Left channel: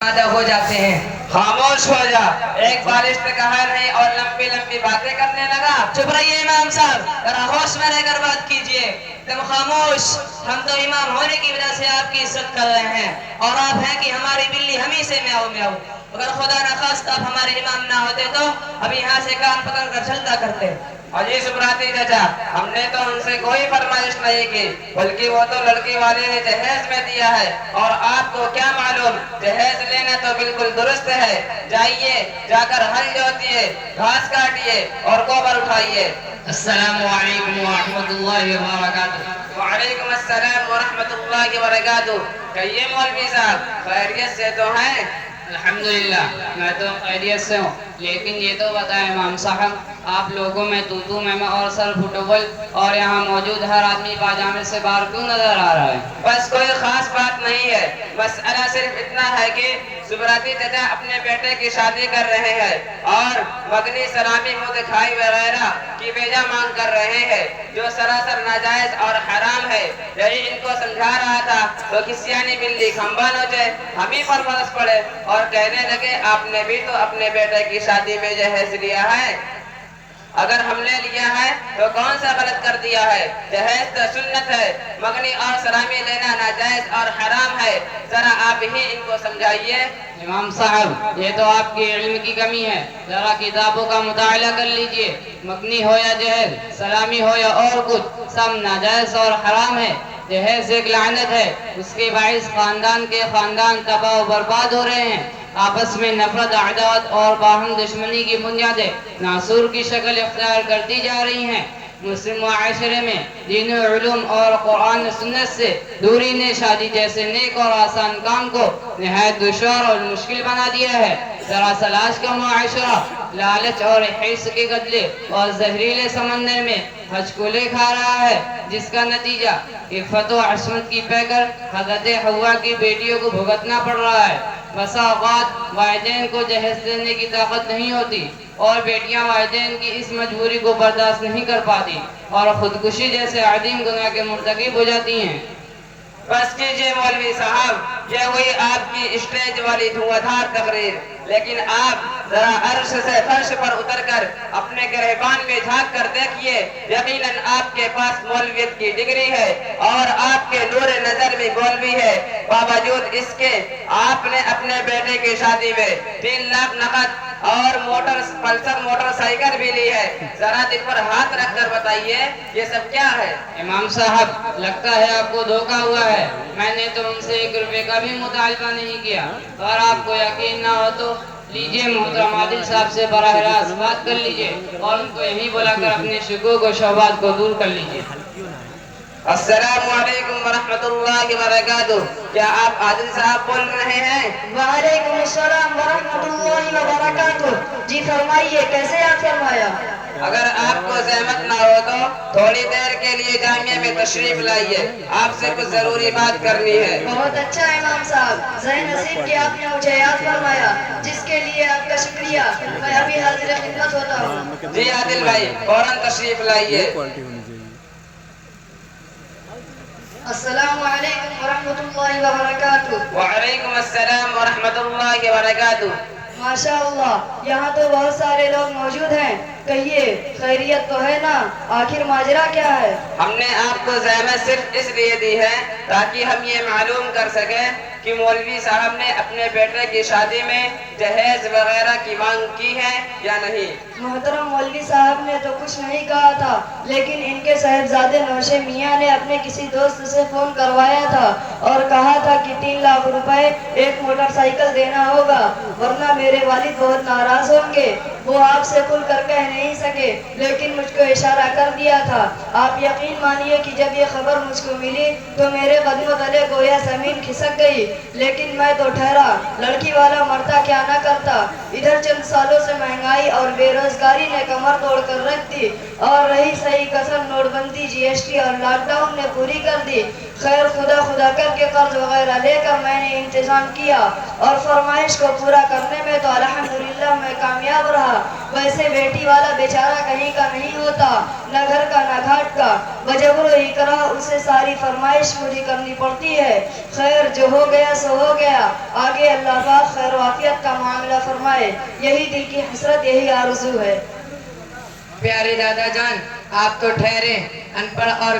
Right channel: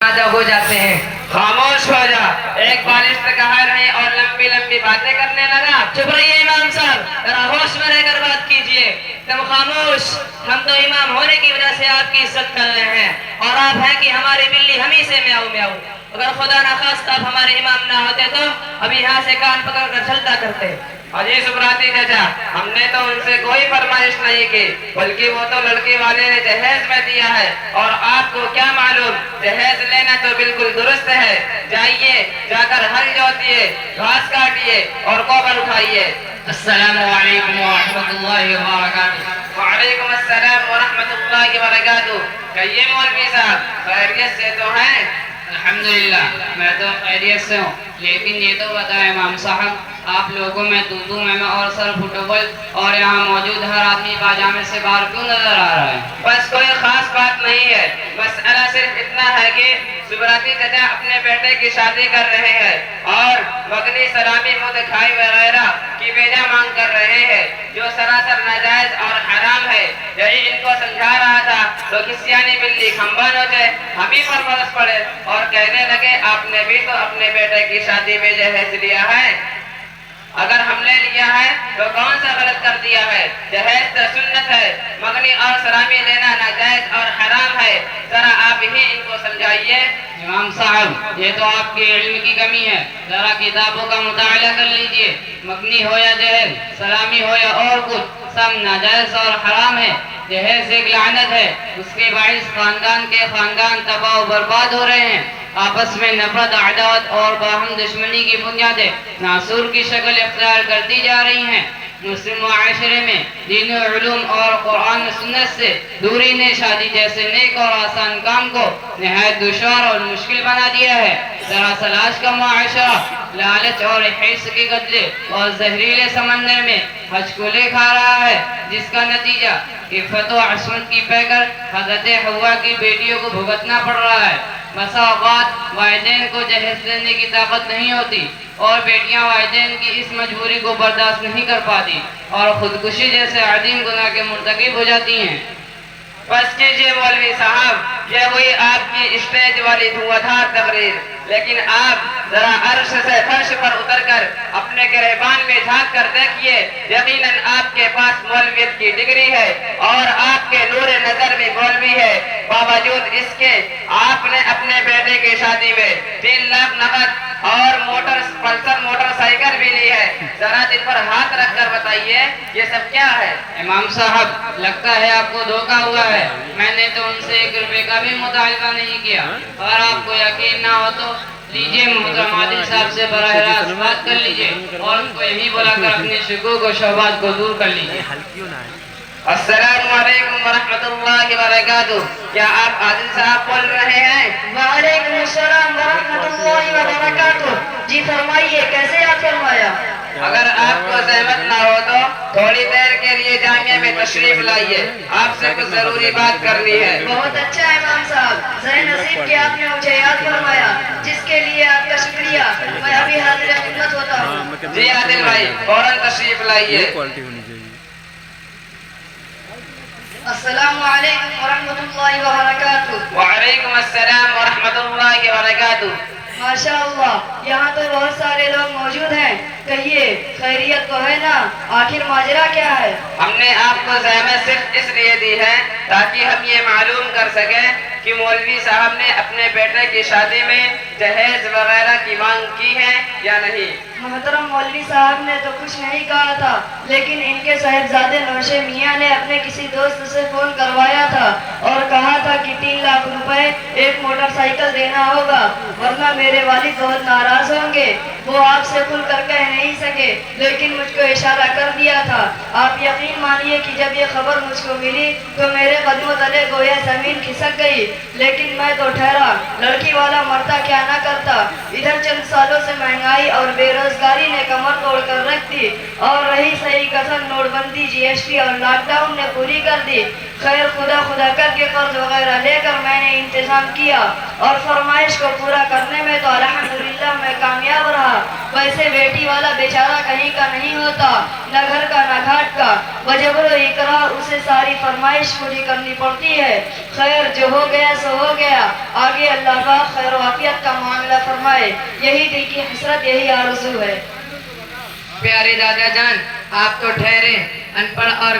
आधा हो जाते हैं। खामोश हो जा, एक बारिश पे कहा नहीं और लंबी लंबी बातें करने लगा। चुप रहिए इमाम साहब, जरा होश में रहकर बात कीजिए। तुम खामोश। हम तो इमाम होने की वजह से आपकी इज्जत कर रहे हैं और आप हैं कि हमारी बिल्ली हम ही से म्याऊं म्याऊं। अगर खुदा ना खास्ता आप हमारे इमाम ना होते तो अभी यहाँ से कान पकड़ कर चलता करते। अजी सुब्राती चाचा, हमने तो उनसे कोई फरमाइश नहीं की, बल्कि वो तो लड़की वाले ने जहेज में दिया है। और आपको क्या मालूम, जहेज लेना तो बिल्कुल दुरुस्त है। जाइए, जाकर हल जोतिए, घास काटिए और गोबर उठाइए। अस्सलामु अलैकुम व रहमतुल्लाहि व बरकातुहू। वालेकुम अस्सलाम व रहमतुल्लाहि व बरकातुहू। कहिए मौलवी साहब, खैरियत से तो हैं? अल्हम्दुलिल्लाह, मैं तो खैरियत से हूँ। लेकिन ये तो बताएं इमाम साहब, आप लोगों में तूतू मैमा और सर फुटबॉल और यहाँ मौजूद हर आदमी पाजामे से बाहर क्यों नजर आ रहा है? बस कोई खास बात नहीं है, मसला सिर्फ इतना है कि सुब्राती चाचा अपने बेटे की शादी कर रहे हैं और वगनी सलामी मुंह दिखाई वगैरह की बेजा मांग कर रहे हैं, जो सरासर नाजायज और हराम है। यही इनको समझा रहा था तो किसियानी बिल्ली खंबा नोचे, हम ही पर बरस पड़े और कहने लगे आपने भी तो अपने बेटे की शादी में जहेज लिया है। अगर हमने लिया है तो कौन सा गलत कर दिया है? जहेज तो सुन्नत है, मगनी और सलामी लेना नाजायज और हराम है। जरा आप ही इनको समझाइए। इमाम साहब, ये तो आपके इल्म की कमी है। जरा किताबों का मुताला कर लीजिए। मगनी हो या जहेज, सलामी हो या और कुछ, सब नाजायज और हराम है। जहेज एक लानत है, उसके बाइस खानदान के खानदान तबाह बर्बाद हो रहे हैं। आपस में नफरत, अदावत और बाहम दुश्मनी की बुनियादें नासूर की शक्ल इख्तियार करती जा रही हैं। मुस्लिम मुआशरे में दीन उलूम और कुरान सुन्नत से दूरी ने शादी जैसे नेक और आसान काम को निहायत दुश्वार और मुश्किल बना दिया है। जरा सलाश का मुआशरा लालच और हिर्स के गदले और जहरीले समंदर में हचकुले खा रहा है, जिसका नतीजा इफ़्फ़त व असमत की पैकर हज़रत हव्वा की बेटियों को भुगतना पड़ रहा है। बसा औक़ात वालिदैन को जहेज देने की ताकत नहीं होती और बेटियां वालिदैन की इस मजबूरी को बर्दाश्त नहीं कर पाती और खुदकुशी जैसे अजीम गुनाह के मुर्तकिब हो जाती हैं। बस कीजिए मौलवी साहब, यह हुई आपकी स्टेज वाली धुआंधार तकरीर। लेकिन आप जरा अर्श से फर्श पर उतरकर अपने गिरबान में झांक कर देखिए, यकीनन आपके पास मौलवियत की डिग्री है और आपके नूर नजर में मौलवी है। बावजूद इसके आपने अपने बेटे की शादी में 3 लाख नकद और पल्सर मोटरसाइकिल भी ली है। जरा दिल पर हाथ रख कर बताइए, ये सब क्या है? इमाम साहब, लगता है आपको धोखा हुआ है। मैंने तो उनसे 1 रुपए का भी मुतालबा नहीं किया। और आपको यकीन ना हो तो लीजिए, मोहतरम आदिल साहब से बराह रास्त बात कर लीजिए और उनको यही बुलाकर अपने शुकूक और शौबात को दूर कर लीजिए। अस्सलामु अलैकुम व रहमतुल्लाहि व बरकातुहू। क्या आप आदिल साहब बोल रहे हैं? वालेकुम अस्सलाम व रहमतुल्लाहि व बरकातुहू। जी फरमाइए, कैसे याद फरमाया? अगर आपको जहमत ना हो तो थोड़ी देर के लिए जामिया में तशरीफ लाइए, आपसे कुछ जरूरी बात करनी है। बहुत अच्छा है इमाम साहब, ज़रे नसीब कि आपने मुझे याद फरमाया, जिसके लिए आपका शुक्रिया। मैं अभी हाजिर खिदमत होता हूँ। जी आदिल भाई, फौरन तशरीफ लाइए। अस्सलामु अलैकुम व रहमतुल्लाहि व बरकातुहू। वालेकुम अस्सलाम व रहमतुल्लाहि व बरकातुहू। माशाअल्लाह, यहाँ तो बहुत सारे लोग मौजूद हैं। कहिए, खैरियत तो है ना? आखिर माजरा क्या है? हमने आपको ज़हमत सिर्फ इसलिए दी है ताकि हम ये मालूम कर सकें कि मौलवी साहब ने अपने बेटे की शादी में जहेज वगैरह की मांग की है या नहीं। मोहतरम मौलवी साहब ने तो कुछ नहीं कहा था, लेकिन इनके साहिबजादे नौशे मियाँ ने अपने किसी दोस्त से फोन करवाया था और कहा था कि 3 लाख रुपए एक मोटरसाइकिल देना होगा, वरना मेरे वालिद बहुत नाराज होंगे। वो आपसे खुल कर कह नहीं सके, लेकिन मुझको इशारा कर दिया था। आप यकीन मानिए कि जब ये खबर मुझको मिली तो मेरे कदमों तले गोया जमीन खिसक गई। लेकिन मैं तो ठहरा, लड़की वाला मरता क्या ना करता। इधर चंद सालों से महंगाई और बेरोजगारी ने कमर तोड़ कर रख दी और रही सही कसर नोटबंदी, GST और लॉकडाउन ने पूरी कर दी। خیر خدا خدا کر کے قرض وغیرہ لے کر میں نے انتظام کیا اور فرمائش کو پورا کرنے میں تو الحمدللہ میں کامیاب رہا. ویسے بیٹی والا بیچارہ کہیں کا نہیں ہوتا, نہ گھر کا نہ گھاٹ کا, بجبر و اکراہ اسے ساری فرمائش پوری کرنی پڑتی ہے. خیر جو ہو گیا سو ہو گیا, آگے اللہ پاک خیر و عافیت کا معاملہ فرمائے, یہی دل کی حسرت, یہی آرزو ہے. پیارے دادا جان, آپ تو ٹھہرے, ان پڑھ اور